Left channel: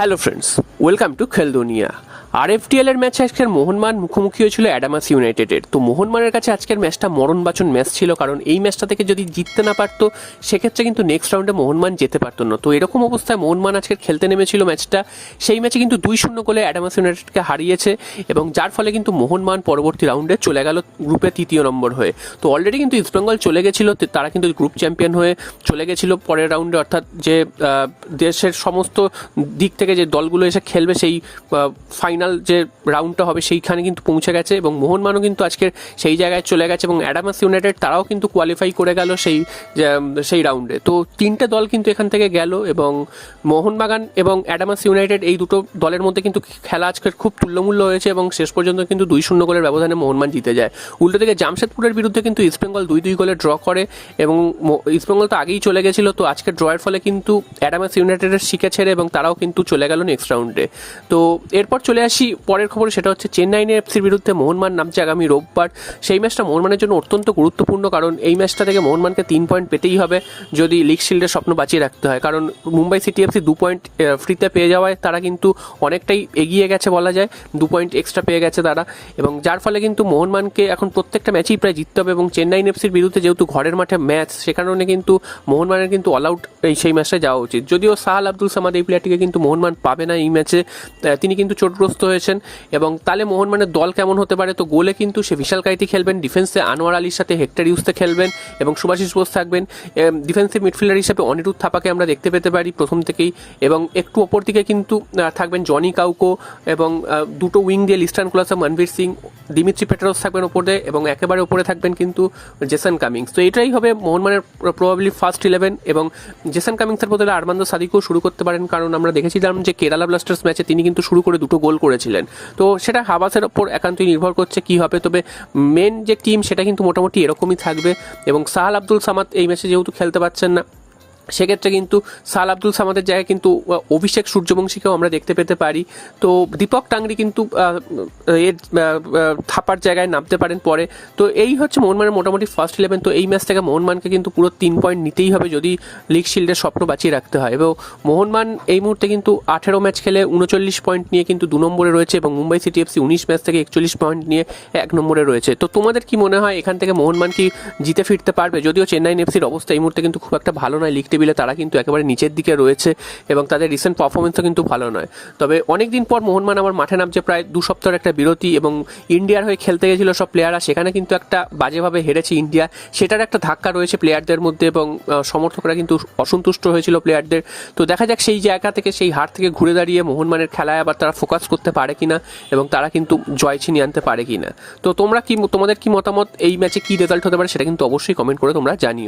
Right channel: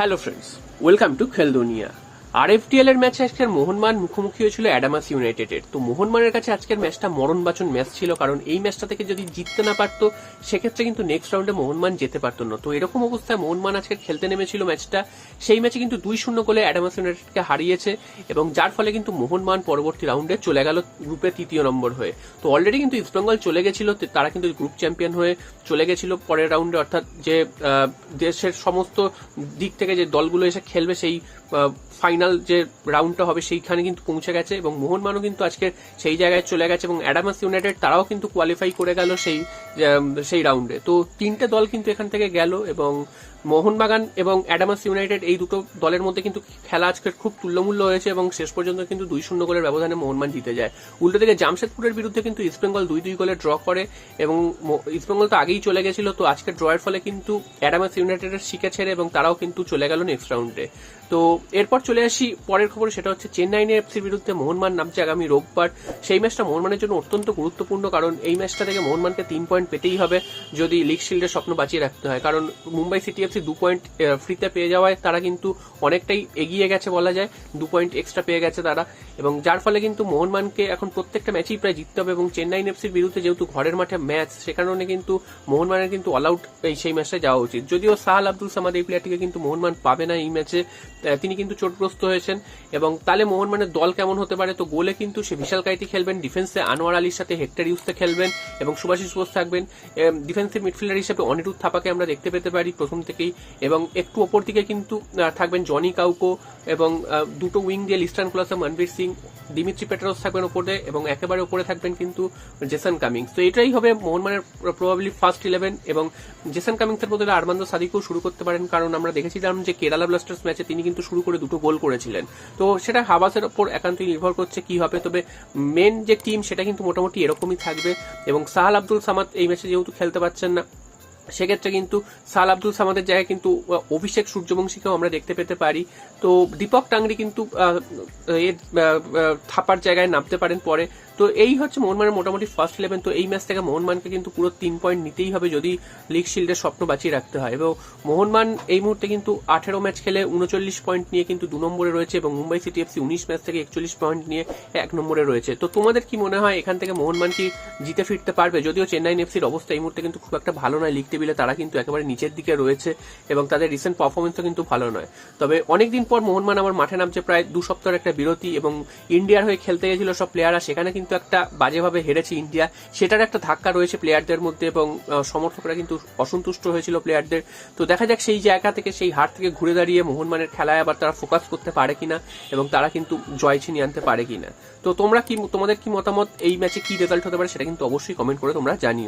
Hello friends, welcome to খেল দুনিয়া। আরএফটিএল এর ম্যাচে আজকের মোহনবাগান মুখোমুখি হয়েছিল অ্যাডামাস ইউনাইটেডের। তো মোহনবাগানের কাছে আজকের ম্যাচটা মরণবাচন ম্যাচ ছিল, কারণ এই ম্যাচটা থেকে যদি জিততে না পারতো সেক্ষেত্রে কিন্তু নেক্সট রাউন্ডে মোহনবাগান যেতে পারতো না। তো এরকম অবস্থায় মোহনবাগান আজকে খেলতে নেমেছিল ম্যাচটা। সেই ম্যাচে কিন্তু 2-0 গোলে অ্যাডামাস ইউনাইটেডকে হারিয়েছে, এবং যার ফলে কিন্তু মোহনবাগান পরবর্তী রাউন্ডে চলে গেল গ্রুপে 3য় নম্বর হয়ে। তো অলরেডি কিন্তু ইস্টবেঙ্গল চলে গেছিল, তারা কিন্তু গ্রুপ চ্যাম্পিয়ন হয়ে চলে গেছিল পরের রাউন্ডে, অর্থাৎ যে দেশের সমস্ত দিক থেকে যে দলগুলো এসে খেলবে সেই ফাইনাল যে রাউন্ডটা হবে সেইখানে কিন্তু পৌঁছে গেছে, এবং মোহনবাগানও কিন্তু আজকের সেই জায়গায় চলে গেছে, এবং অ্যাডামাস ইউনাইটেড তারাও কিন্তু কোয়ালিফাই করে গেল সেই রাউন্ডে। তো তিনটে দল কিন্তু এখান থেকে গেল, এবং মোহনবাগান এবং অ্যাডামাস ইউনাইটেড এই দুটো দলের মধ্যে কিন্তু খেলা আজকের খুব তুল্যমূল্য হয়েছে, এবং শেষ পর্যন্ত কিন্তু 2-0 গোলের ব্যবধানে মোহনবাগান জিতে যায়। উল্টো দিকে জামশেদপুরের বিরুদ্ধে কিন্তু ইস্টবেঙ্গল 2-2 গোলে ড্র করে, এবং ইস্টবেঙ্গল তো আগেই চলে গেছিল। তো আজকের ড্রয়ের ফলে কিন্তু অ্যাডামাস ইউনাইটেডের শিখে ছেড়ে, এবং তারাও কিন্তু চলে গেল নেক্সট রাউন্ডে। তো এরপর চলে আসি পরের খবর, সেটা হচ্ছে চেন্নাই এফসির বিরুদ্ধে মোহনবাগান নামছে আগামী রোববার। সেই ম্যাচটা মোহনবাগানের জন্য অত্যন্ত গুরুত্বপূর্ণ, কারণ এই ম্যাচটা থেকে মোহনবাগানকে 3 পয়েন্ট পেতেই হবে যদি লিগ শিল্ডের স্বপ্ন বাঁচিয়ে রাখতে হয়। কারণ মুম্বাই সিটি এফসি 2 পয়েন্ট ফ্রিতে পেয়ে যাওয়ায় তারা কিন্তু অনেকটাই এগিয়ে গেছে বলা যায়, 2 পয়েন্ট এক্সট্রা পেয়ে গেছে তারা, এবং যার ফলে কিন্তু মোহনবাগানকে এখন প্রত্যেকটা ম্যাচেই প্রায় জিততে হবে। এবং চেন্নাই এফসির বিরুদ্ধে যেহেতু ঘরের মাঠে ম্যাচ, সে কারণে কিন্তু মোহনবাগানের কিন্তু অল আউট সেই ম্যাচটায় যাওয়া উচিত। যদিও সাহাল আব্দুল সামাদ এই প্লেয়ারটিকে কিন্তু মোহনবাগান পাবে না এই ম্যাচে, তিনি কিন্তু চোটগ্রস্ত হয়েছেন। এবং তাহলে মোহনবাগানের দল কেমন হতে পারে? তো গোলে কিন্তু সে বিশাল কাইতি খেলবেন, ডিফেন্সে আনোয়ার আলীর সাথে হেক্টর ইউসতে খেলবেন, এবং সুভাশিস বোস থাকবেন। ডিফেন্সিভ মিডফিল্ডার হিসেবে অনিরুদ্ধ থাপাকে আমরা দেখতে পেতে পারি প্রথম থেকেই, এবং একটু ওপর দিকে কিন্তু থাকবেন জনি কাউকো, এবং দুটো উইং দিয়ে লিস্টান কোলাসা, মনবীর সিং, দিমিত্রি পেট্রোস থাকবেন ওপরে, এবং একেবারে ওপরে থাকবেন কিন্তু জেসন কামিংস। তো এটাই হবে মোহনবাগানের প্রবাবলি ফার্স্ট 11, এবং জেসন কামিংসের বদলে আরমান্দো সাদিকও শুরু করতে পারেন, কারণ আমরা দেখেছিলাম যে কেরালা ব্লাস্টার্স ম্যাচে তিনি কিন্তু শুরু করে 2 গোল করেছিলেন। তো সেটা হাবাসের ওপর একান্তই নির্ভর করছে কি হবে, তবে মেন যে টিম সেটা কিন্তু মোটামুটি এরকমই থাকবে। এবং সাহাল আব্দুল সামাদ এই ম্যাচে যেহেতু খেলতে পারছেন না, সেক্ষেত্রে কিন্তু সাহাল আব্দুল সামাদের জায়গায় কিন্তু অভিষেক সূর্যবংশীকেও আমরা দেখতে পেতে পারি। তো দীপক টাংরি কিন্তু থাপার জায়গায় নামতে পারেন পরে। তো এই হচ্ছে মোহনবাগানের মোটামুটি ফার্স্ট 11। তো এই ম্যাচ থেকে মোহনবাগানকে কিন্তু পুরো 3 পয়েন্ট নিতেই হবে যদি লিগ শিল্ডের স্বপ্ন বাঁচিয়ে রাখতে হয়। এবং মোহনবাগান এই মুহূর্তে কিন্তু 18 ম্যাচ খেলে 39 পয়েন্ট নিয়ে কিন্তু 2 নম্বরে রয়েছে, এবং মুম্বাই সিটি এফসি 19 ম্যাচ থেকে 41 পয়েন্ট নিয়ে 1 নম্বরে রয়েছে। তো তোমাদের কি মনে হয় এখান থেকে মোহনবাগান কি জিতে ফিরতে পারবে? যদিও চেন্নাই এফসির অবস্থা এই মুহূর্তে কিন্তু খুব একটা ভালো নয়, লিগ টেবিলে তারা কিন্তু একেবারে নিচের দিকে রয়েছে, এবং তাদের রিসেন্ট পারফরমেন্সও কিন্তু ভালো নয়। তবে অনেকদিন পর মোহনবাগান আমার মাঠে নামছে, প্রায় 2 সপ্তাহের একটা বিরতি, এবং ইন্ডিয়ার হয়ে খেলতে গেছিল সব প্লেয়াররা, সেখানে কিন্তু একটা বাজেভাবে হেরেছে ইন্ডিয়া, সেটার একটা ধাক্কা রয়েছে প্লেয়ারদের মধ্যে, এবং সমর্থকরা কিন্তু অসন্তুষ্ট হয়েছিল প্লেয়ারদের। তো দেখা যাক সেই জায়গা থেকে, সেই হার থেকে ঘুরে দাঁড়িয়ে মোহনবাগানের খেলায় আবার তারা ফোকাস করতে পারে কিনা, এবং তারা কিন্তু জয় ছিনিয়ে আনতে পারে কিনা। তো তোমাদের কি মতামত, এই ম্যাচে কি রেজাল্ট হতে পারে সেটা কিন্তু অবশ্যই কমেন্ট করে তোমরা জানিও।